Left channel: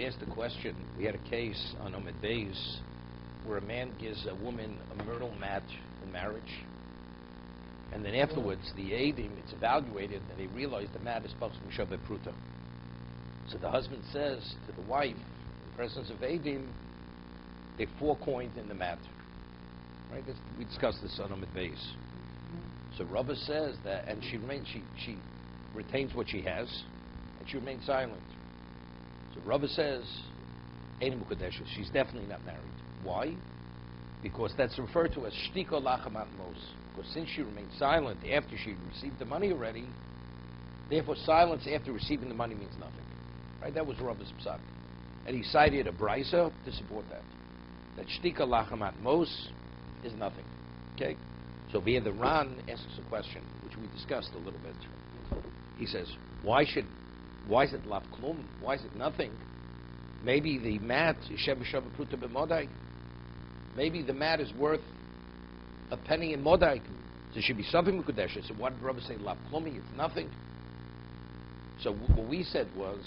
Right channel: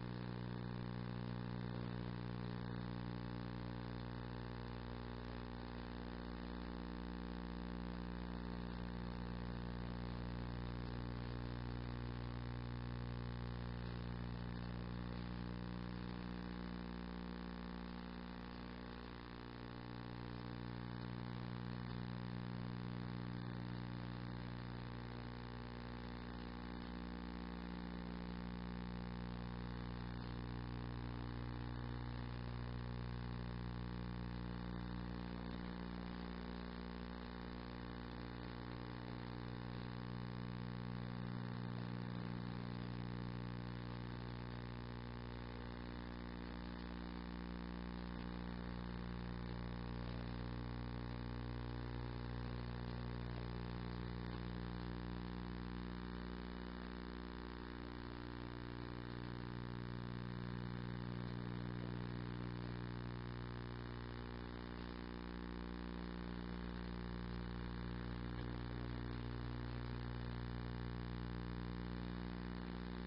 had asked the question. We had a case on Omid Beis where a man gives a woman a myrtle mat for marriage, and then afterwards the Eidim, it's evaluated, and they realize the mat is supposed to be Shabbat Pruta. So the husband says to the wife, in the presence of Eidim, they 4 coins in the mat. Right? We discussed this on Omid Beis. So Rabbi says that, and she retains what she has, and she remains silent. So Rabbi says, Eidim Ukadeshes, she's definitely not married. Why? Because that's referred to as Shtika Lachamat Mos. Because since she remained silent after she received the money already, therefore silence after receiving the money means nothing. Right? That was Rabbi's psak. And he cited a brisa to support that. That Shtika Lachamat Mos is nothing. Okay? So here the Ran asks a question, which we discussed a little bit. He says, why is it Lav Klum? Why is it nothing? Maybe the mat is Shem Shabbat Pruta b'Modai. Maybe the mat is worth a penny in Modai. There should be something Mekudesh. So why did Rabbi say Lav Klumi? It's nothing. So what we said was,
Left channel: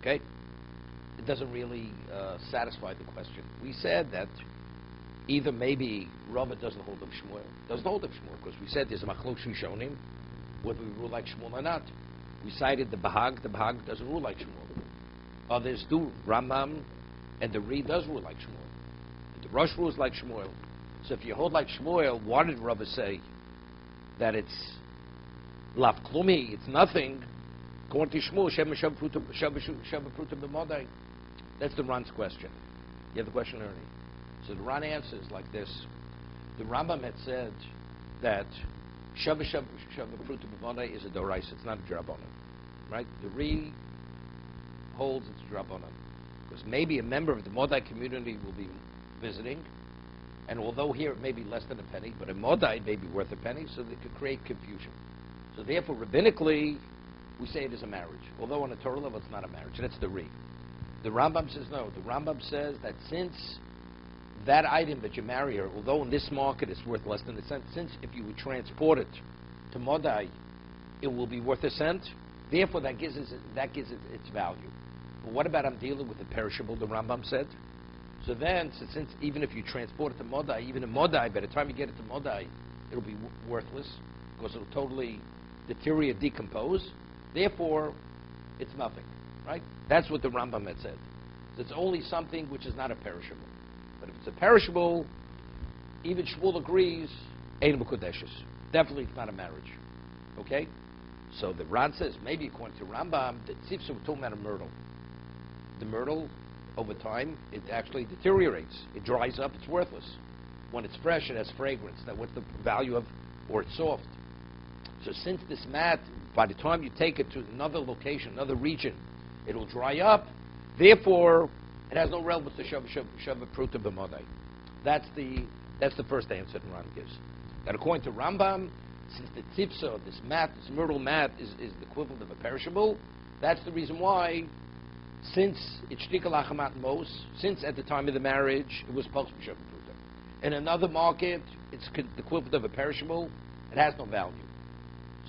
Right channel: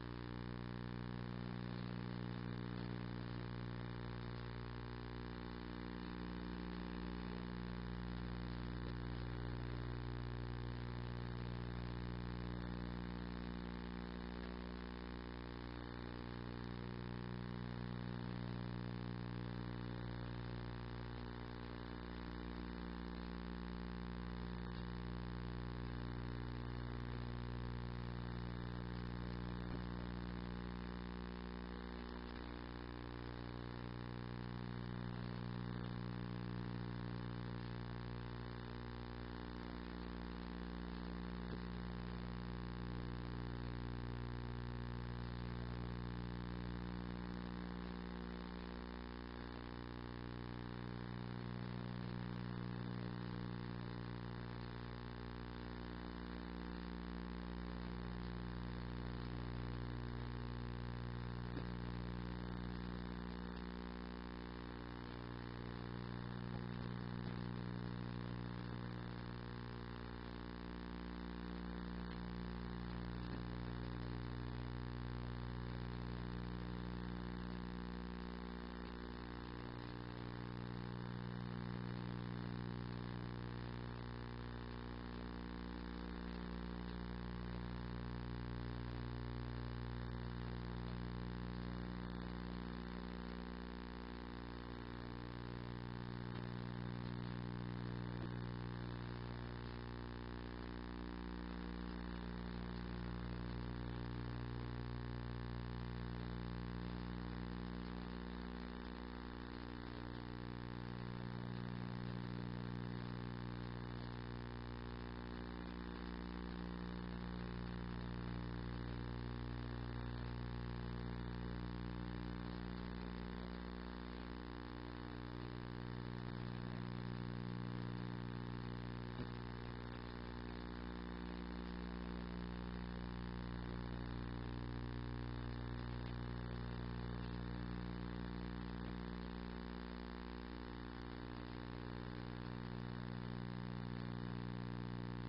okay, it doesn't really satisfy the question. We said that either maybe Rabbi doesn't hold of Shmuel, because we said there's a Machlok Rishonim, whether we rule like Shmuel or not. We cited the Bahag doesn't rule like Shmuel. Others do. Rambam and the Ri does rule like Shmuel. The Rosh rules like Shmuel. So if you hold like Shmuel, why did Rabbi say that it's Lav Klumi, it's nothing? According to Shmuel, Shem Pruta b'Modai. That's the Ran's question. You have the question earlier. So the Ran answers like this. The Rambam had said that Shabbat Pruta b'Modai is a Doraisa, it's not a Drabanan. Right? The Ri holds its Drabanan. Because maybe a member of the Modai community will be visiting, and although here it may be less than a penny, but in Modai it may be worth a penny, so that could create confusion. So therefore, rabbinically, we say it is a marriage. Although on a Torah level it's not a marriage. That's the Ri. The Rambam says no. The Rambam says that since that item that you marry her, although in this market it's worth less than a cent, since if you would transport it to Modai, it will be worth a cent, therefore that gives it its value. But what about I'm dealing with the perishable, the Rambam said? So then, since even if you transport it to Modai, even in Modai, by the time you get it to Modai, it'll be worthless, because it'll totally deteriorate, decompose. Therefore, it's nothing, right? That's what the Rambam had said. So it's only something which is not a perishable. But if it's a perishable, even Shmuel agrees, Ein Mekudeshes. Definitely it's not a marriage. Okay? So the Ran says, maybe according to Rambam, the tzipsa we're talking about a myrtle. The myrtle, over time, it actually deteriorates. It dries up, it's worthless. When it's fresh, it has fragrance. Now what's the value of, or it's soft. So since this mat, by the time you take it to another location, another region, it'll dry up. Therefore, it has no relevance to Shabbat Pruta b'Modai. That's the first answer that Ran gives. That according to Rambam, since the tzipsa, this mat, this myrtle mat, is the equivalent of a perishable, that's the reason why, since it's shtika lachamat mos, since at the time of the marriage, it was supposed to be Shabbat Pruta. In another market, it's the equivalent of a perishable, it has no value.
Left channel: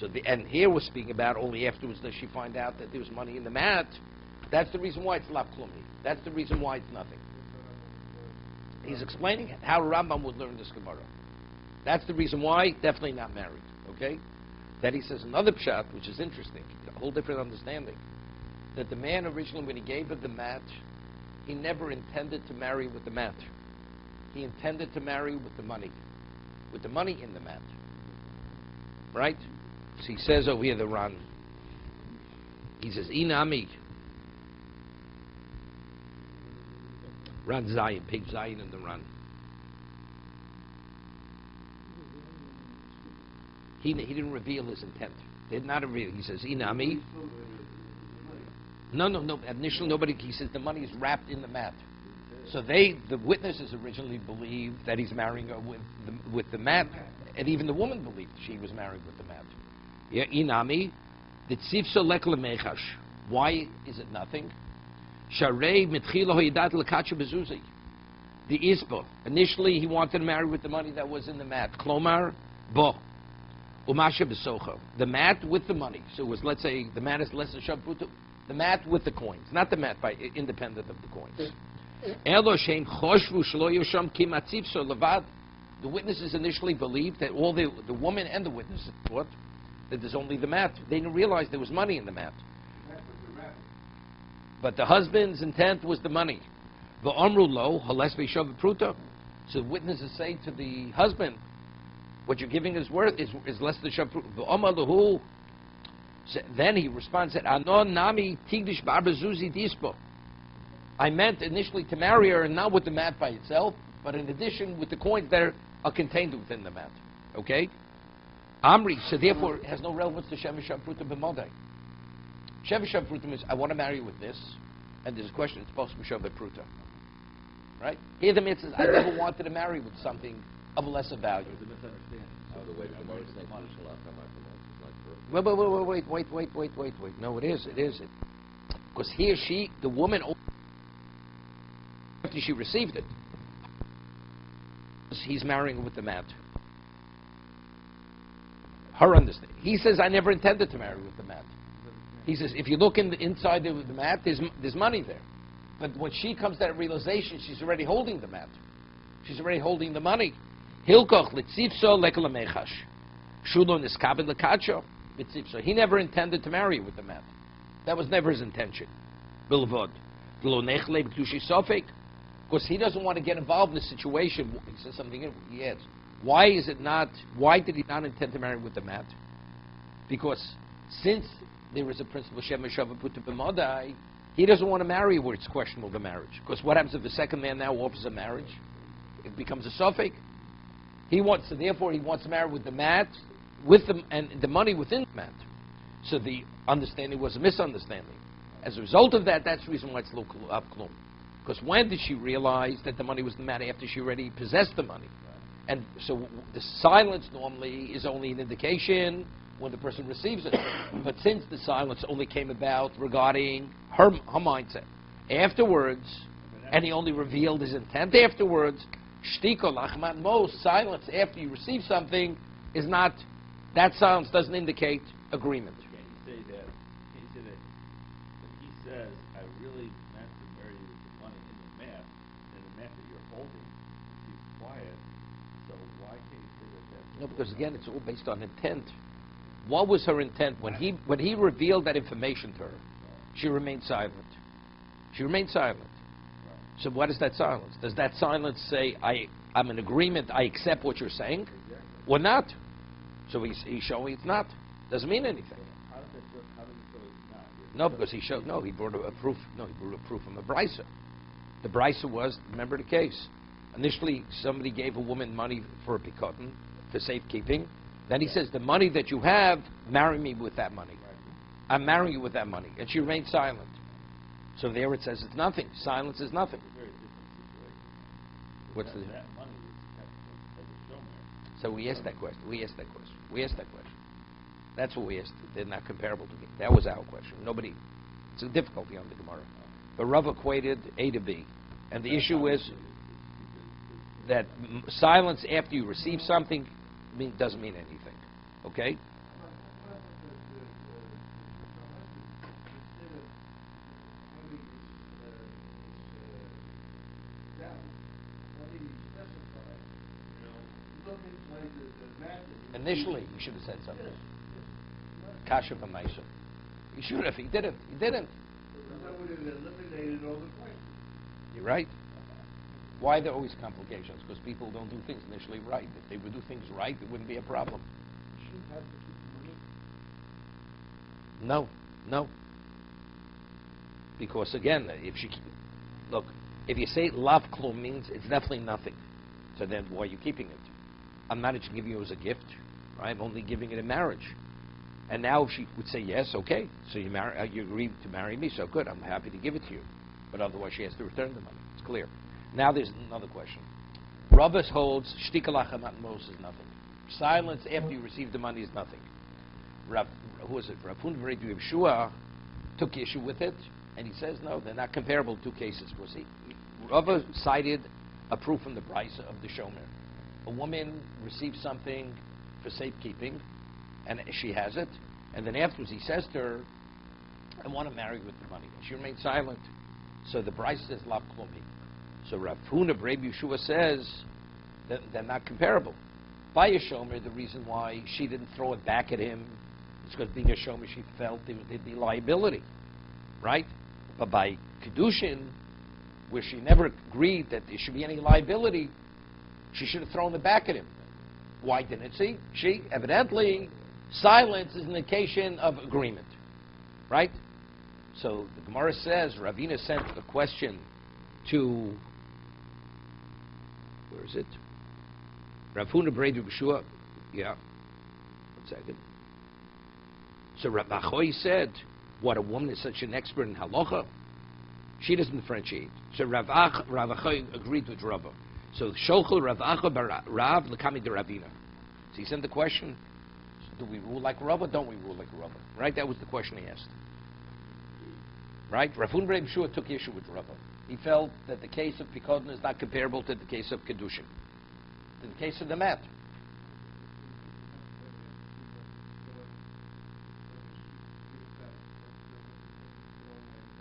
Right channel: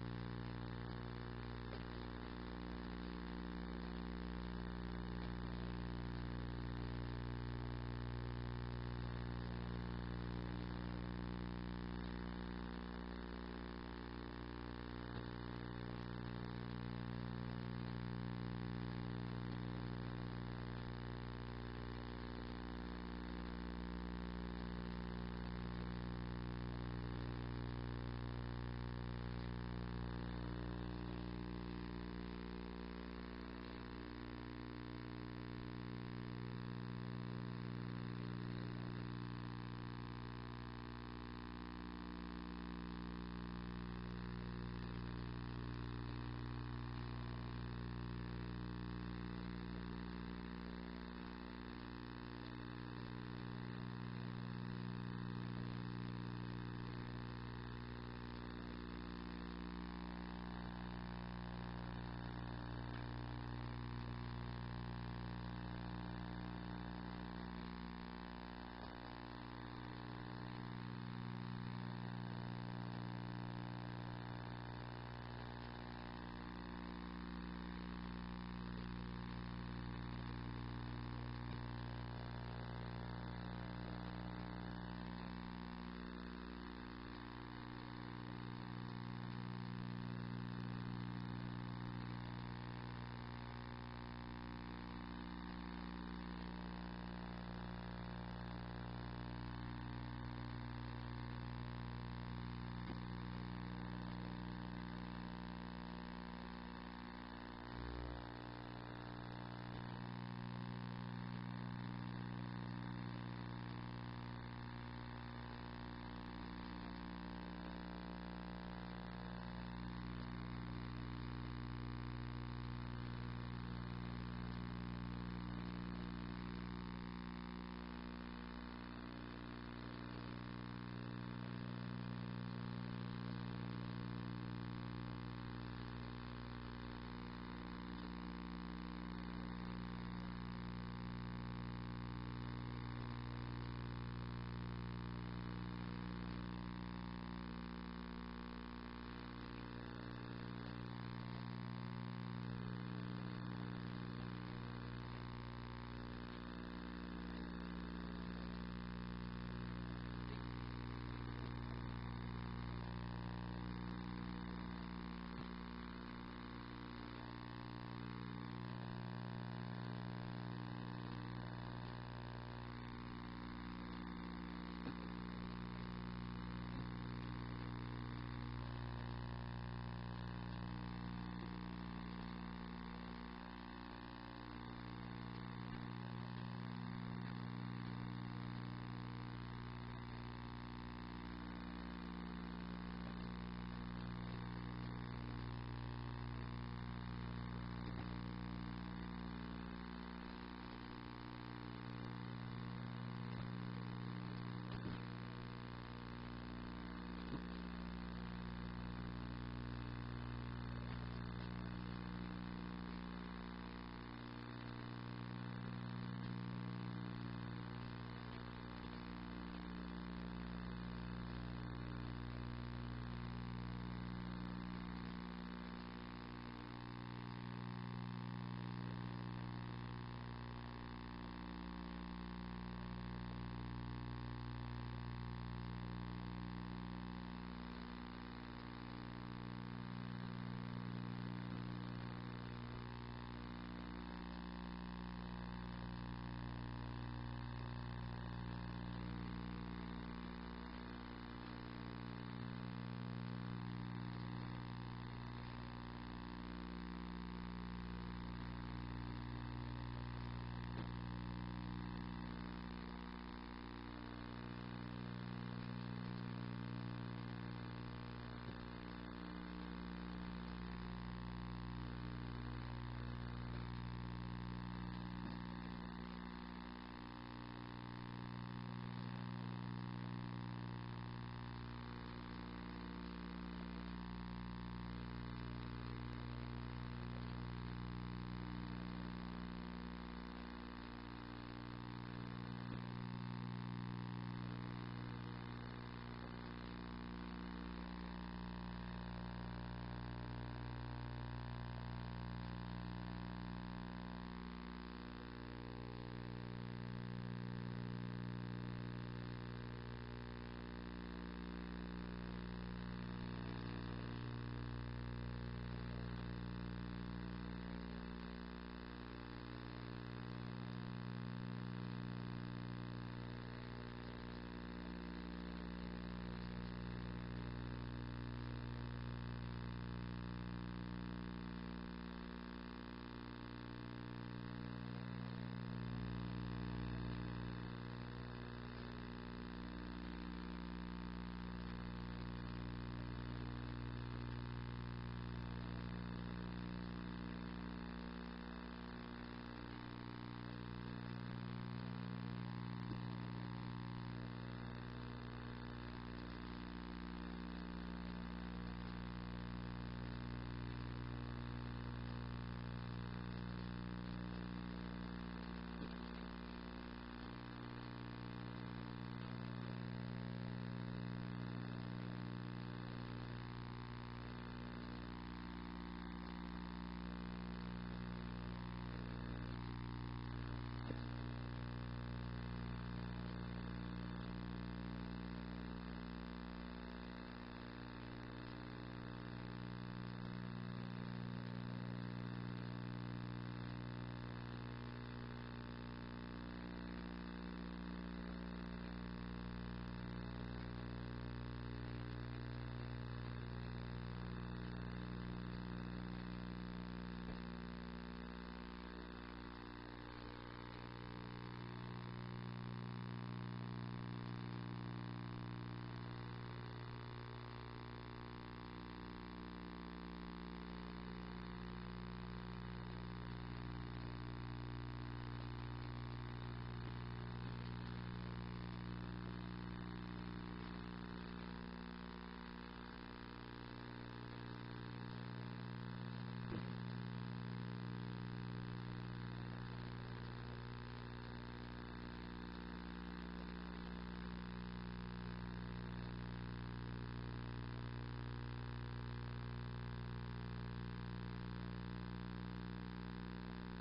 So and here we're speaking about only afterwards does she find out that there was money in the mat. That's the reason why it's lav klumi. That's the reason why it's nothing. He's explaining how Rambam would learn this Gemara. That's the reason why, definitely not married. Okay? Then he says another pshat, which is interesting, a whole different understanding, that the man originally, when he gave her the mat, he never intended to marry with the mat. He intended to marry with the money in the mat. Right? So he says over here, the Ran, he says, Inami, Ran Zayin, pig Zayin in the Ran. He didn't reveal his intent. He did not reveal. He says, Inami. No. Initially, nobody. He says the money is wrapped in the mat. So the witnesses originally believed that he's marrying her with the mat, and even the woman believed she was married with the mat. Yeah, Inami, the tzivso lekle mechash. Why is it nothing? Sharei mitchila hoyidat lekacha bezuzi. The isbo. Initially, he wanted to marry with the money that was in the mat. Klomar bo. Umasha besocho. The mat with the money. So it was, let's say, the mat is less than Shabbat Pruta. The mat with the coins, not the mat by independent of the coins. The witnesses initially believed that all the woman and the witnesses thought that there's only the mat. They didn't realize there was money in the mat. But the husband's intent was the money. So the witnesses say to the husband, what you're giving is worth is less than shav. Then he responds, said, I meant initially to marry her, and not with the mat by itself, but in addition with the coins that are contained within the mat. Okay? Amri, so therefore it has no relevance to Shev Prutim b'Modai. Shev Prutim is, I want to marry you with this, and there's a question, it's supposed to be Shev Prutim. Right? Here the mitzvah says, I never wanted to marry with something of lesser value. Wait. No, it is. Because here the woman, after she received it, he's marrying with the mat. Her understanding. He says, I never intended to marry with the mat. He says, if you look inside the mat, there's money there. But when she comes to that realization, she's already holding the mat. She's already holding the money. Hilkoch litzipso lekalamechash. Shulon iskabed lekacho. So he never intended to marry with the mat. That was never his intention. Bilvod. Because he doesn't want to get involved in the situation. He says something in he adds. Why did he not intend to marry with the mat? Because since there is a principle Shem Shav Put B'Modai, he doesn't want to marry where it's questionable the marriage. Because what happens if the second man now offers a marriage? It becomes a suffix. Therefore he wants to marry with the mat, with them and the money within the mat. So the understanding was a misunderstanding. As a result of that, that's the reason why it's lo av klum. Because when did she realize that the money was the mat? After she already possessed the money. And so the silence normally is only an indication when the person receives it. But since the silence only came about regarding her mindset afterwards, and he only revealed his intent afterwards, shtiko lachman mo, silence after you receive something is not, that silence doesn't indicate agreement. He says, I really meant to marry you with the money in the mat, and the mat that you're holding, he's quiet, so why can't you say that? No, because again, it's all based on intent. What was her intent when he revealed that information to her? She remained silent. She remained silent. So what is that silence? Does that silence say, I'm in agreement, I accept what you're saying? Or not? So he's showing it's not. Doesn't mean anything. How does it work? How does it say it's not? No, because he brought a proof. No, he brought a proof from the Brisa. The Brisa was, remember the case. Initially, somebody gave a woman money for a pikotin, for safekeeping. Then he says, the money that you have, marry me with that money. I'm marrying you with that money. And she remained silent. So there it says it's nothing. Silence is nothing. What's the... So we asked that question. We asked that question. That's what we asked. They're not comparable to me. That was our question. Nobody... It's a difficulty on the Gemara. But Rav equated A to B. And the issue is that silence after you receive something doesn't mean anything. Okay? Initially, he should have said something. Kasha Pamaisha. He should have. He didn't. You're right. Why are there always complications? Because people don't do things initially right. If they would do things right, it wouldn't be a problem. No. Because again, if you say lav klum means it's definitely nothing. So then why are you keeping it? I'm not just giving you as a gift. Right? I'm only giving it in marriage. And now if she would say yes, okay. So you agreed to marry me, so good. I'm happy to give it to you. But otherwise she has to return the money. It's clear. Now there's another question. Rabbis holds shtikalachat mos is nothing. Silence after you receive the money is nothing. Who is it? Rapun V'Redu Yeshua took issue with it, and he says no, they're not comparable. Two cases. We'll see. Rava cited a proof from the Brisa of the Shomer. A woman receives something for safekeeping, and she has it, and then afterwards he says to her, I want to marry with the money. She remained silent. So the Bryce says, Lav Klumpi. So Rav Huna Breb Yeshua says that they're not comparable. By Yeshomer, the reason why she didn't throw it back at him is because being Yeshomer, she felt there'd be liability, right? But by kiddushin, where she never agreed that there should be any liability, she should have thrown it back at him. Why didn't she? She, evidently, silence is an indication of agreement, right? So the Gemara says, Ravina sent a question to, where is it? Rav Huna Breda B'Shua, yeah, 1 second. So Rav Achoy said, what, a woman is such an expert in halacha? She doesn't differentiate. So Rav Achoy agreed with Rava. So Shochel Rav Achoy bar Rav L'kami de Ravina. So he sent the question, do we rule like Rava? Don't we rule like Rava? Right? That was the question he asked. Right? Rav Huna Breda B'Shua took issue with Rava. He felt that the case of Pikodin is not comparable to the case of Kedushin. In the case of the mat.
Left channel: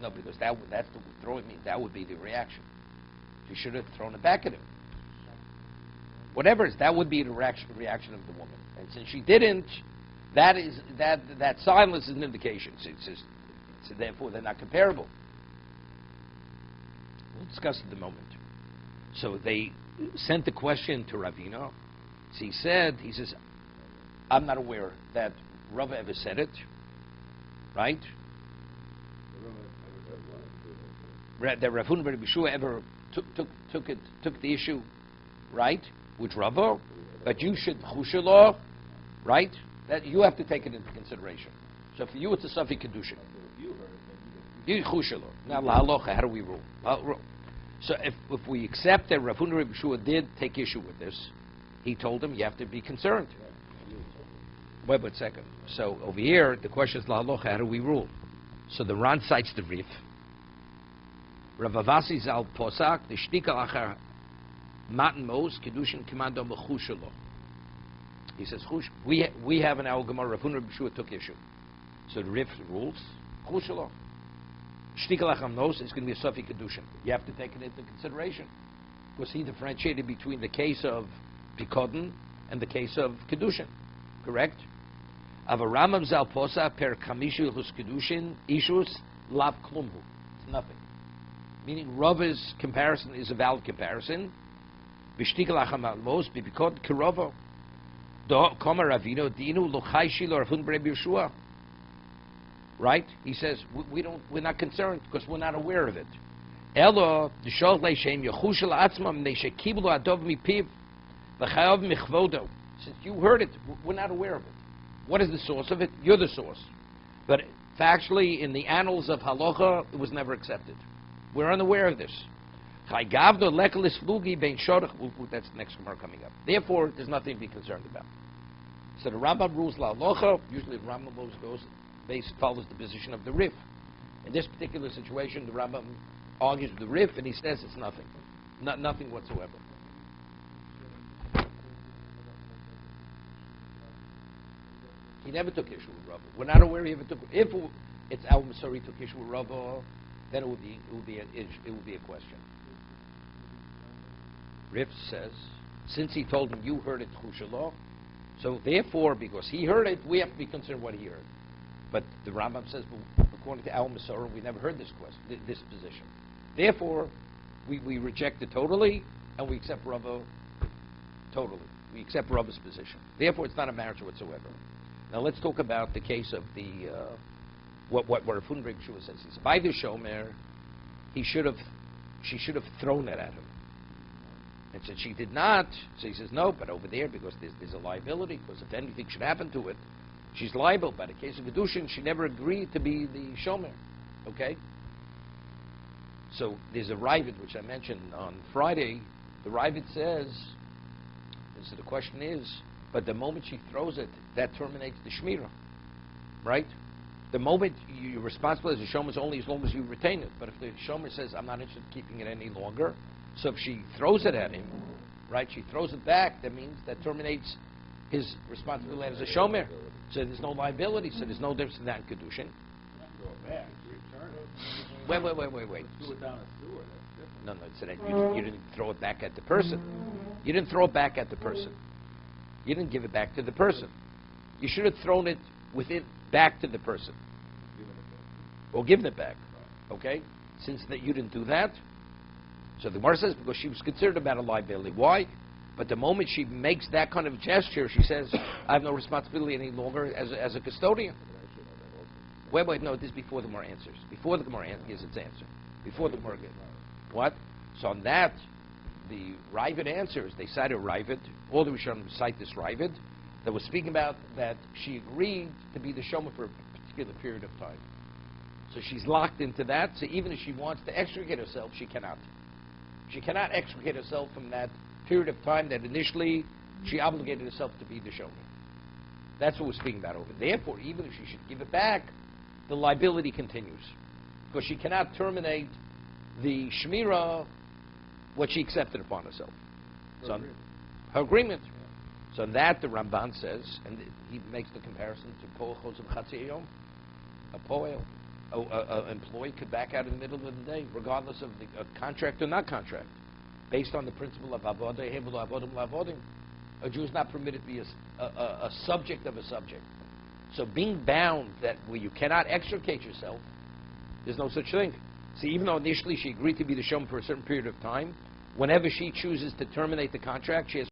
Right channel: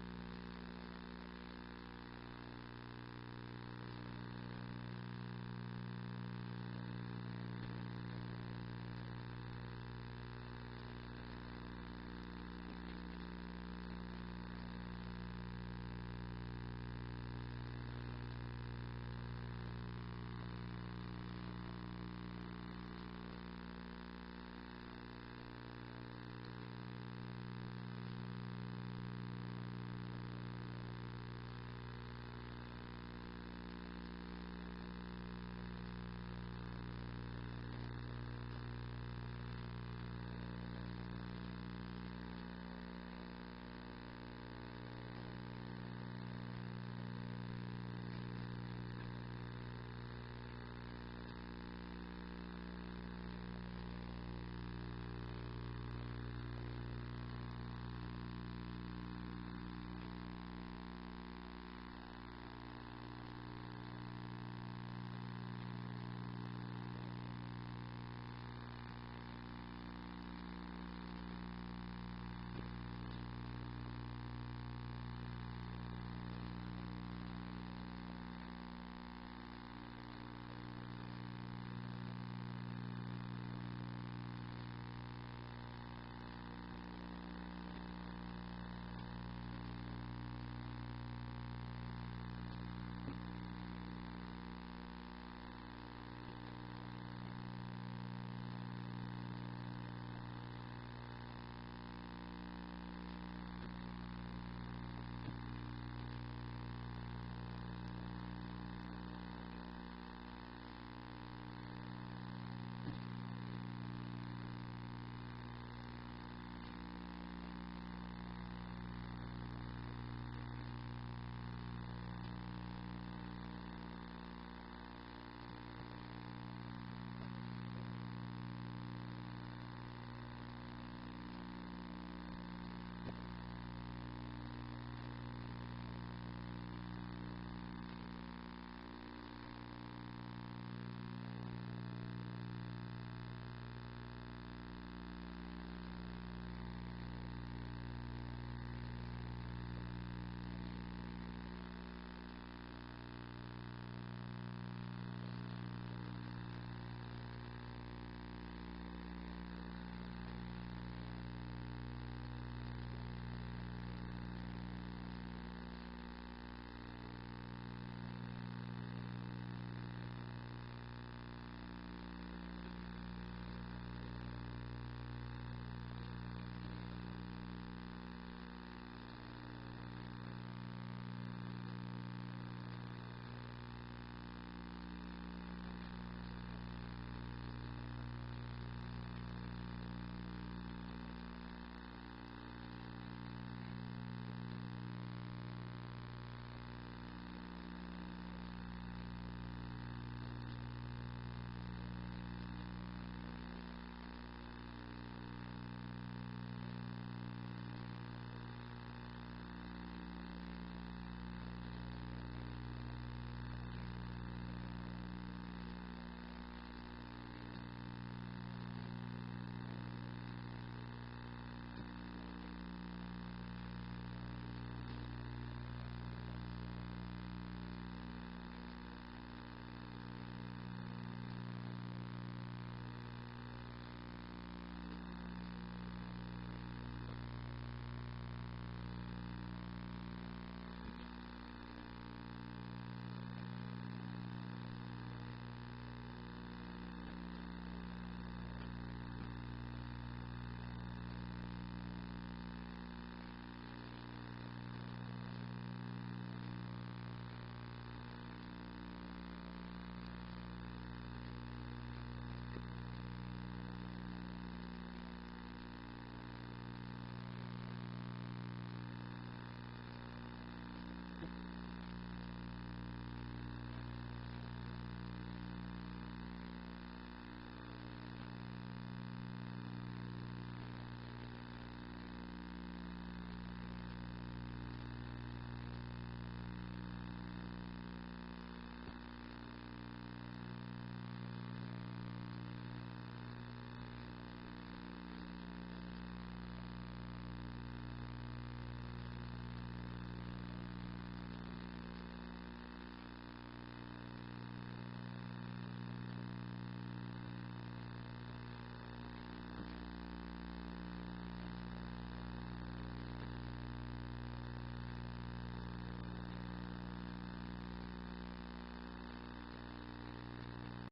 No, because that's the throwing me. That would be the reaction. You should have thrown it back at him. Whatever it is, that would be the reaction of the woman. And since she didn't, that silence is an indication. So therefore, they're not comparable. We'll discuss it in a moment. So they sent the question to Ravina. So he says, I'm not aware that Rava ever said it, right? That Rav Huna Breda B'Shua ever took the issue, right, with Rava, but you should chushalo, right? That you have to take it into consideration. So for you, it's a Safi Kedushin. You chushalo. Now la halacha, how do we rule? So if we accept that Rav Huna Breda B'Shua did take issue with this, he told him you have to be concerned. Wait a second. So over here, the question is la halacha, how do we rule? So the Ran cites the Rif. Rav Avasi Zal Posak, the Shtika Achar Matan Mos, Kiddushin Commando Mechushalo. He says, we have in our Gemara, Rav Huna B'Shua took issue. So the Rif rules, Chushalo. Shtika Achar Mos is going to be a Sofi Kiddushin. You have to take it into consideration. Because he differentiated between the case of Pikodin and the case of Kiddushin. Correct? Avaramam Zal Posak, Per Kamishu Hus Kiddushin, Ishus, Lav Klumbu. It's nothing. Meaning Rava's comparison is a valid comparison. V'shtikal achamal mos b'bikod kirova do kama ravino dinu lochai shilo Rav Huna Breda B'Shua. Right? He says we're not concerned because we're not aware of it. Elo d'shol leishem yechushel atzmam neishekiblu adov mipiv v'chayav michvodo. Since you heard it, we're not aware of it. What is the source of it? You're the source. But factually, in the annals of halacha, it was never accepted. We're unaware of this. That's the next Gemara coming up. Therefore, there's nothing to be concerned about. So the Rambam rules la halacha. Usually, the Rambam follows the position of the Rif. In this particular situation, the Rambam argues with the Rif, and he says it's nothing, nothing whatsoever. He never took issue with Rava. We're not aware he ever took. If it's Al Masari took issue with Rava, then it would be a question. Rif says, since he told him you heard it Chushalah, so therefore, because he heard it, we have to be concerned what he heard. But the Rambam says, well, according to Al Masara, we never heard this position. Therefore, we reject it totally, and we accept Rava totally. We accept Rava's position. Therefore, it's not a marriage whatsoever. Now let's talk about the case of the what Rav Huna Breda B'Shua says. He says, by the shomer, she should have thrown it at him. And since she did not, so he says, no, but over there, because there's a liability, because if anything should happen to it, she's liable. By the case of kiddushin, she never agreed to be the shomer. Okay? So there's a Ravid, which I mentioned on Friday. The Ravid says, so the question is, but the moment she throws it, that terminates the shmirah. Right? The moment you're responsible as a shomer is only as long as you retain it. But if the shomer says, I'm not interested in keeping it any longer, so if she throws it at him, right, she throws it back, that means that terminates his responsibility as a shomer. So there's no liability, so there's no difference in that in kiddushin. back. Return it. Wait. Threw it down a sewer. No, so that you didn't throw it back at the person. You didn't throw it back at the person. You didn't give it back to the person. You should have thrown it with it back to the person. Or given it back. Okay? Since that you didn't do that, so the Gemara says because she was considered about a liability. Why? But the moment she makes that kind of gesture, she says, I have no responsibility any longer as a custodian. Wait, no, this is before the Gemara answers. Before the Gemara gives its answer. Before the Gemara gives what? So on that, the Ravid answers. They cited Ravid. All the Rishonim cite this Ravid that was speaking about that she agreed to be the Shomer for a particular period of time. So she's locked into that. So even if she wants to extricate herself, she cannot. She cannot extricate herself from that period of time that initially she obligated herself to be the Shomer. That's what we're speaking about over. Therefore, even if she should give it back, the liability continues. Because she cannot terminate the Shmirah, what she accepted upon herself. So her agreement. So that the Ramban says, and he makes the comparison to Poel Chosem Chatzi Yom. A Poel, an employee could back out in the middle of the day, regardless of the contract or not contract, based on the principle of Avodah Hevelu Avodim Lavodim. A Jew is not permitted to be a subject of a subject. So being bound that where you cannot extricate yourself, there's no such thing. See, even though initially she agreed to be the Shomer for a certain period of time, whenever she chooses to terminate the contract, she has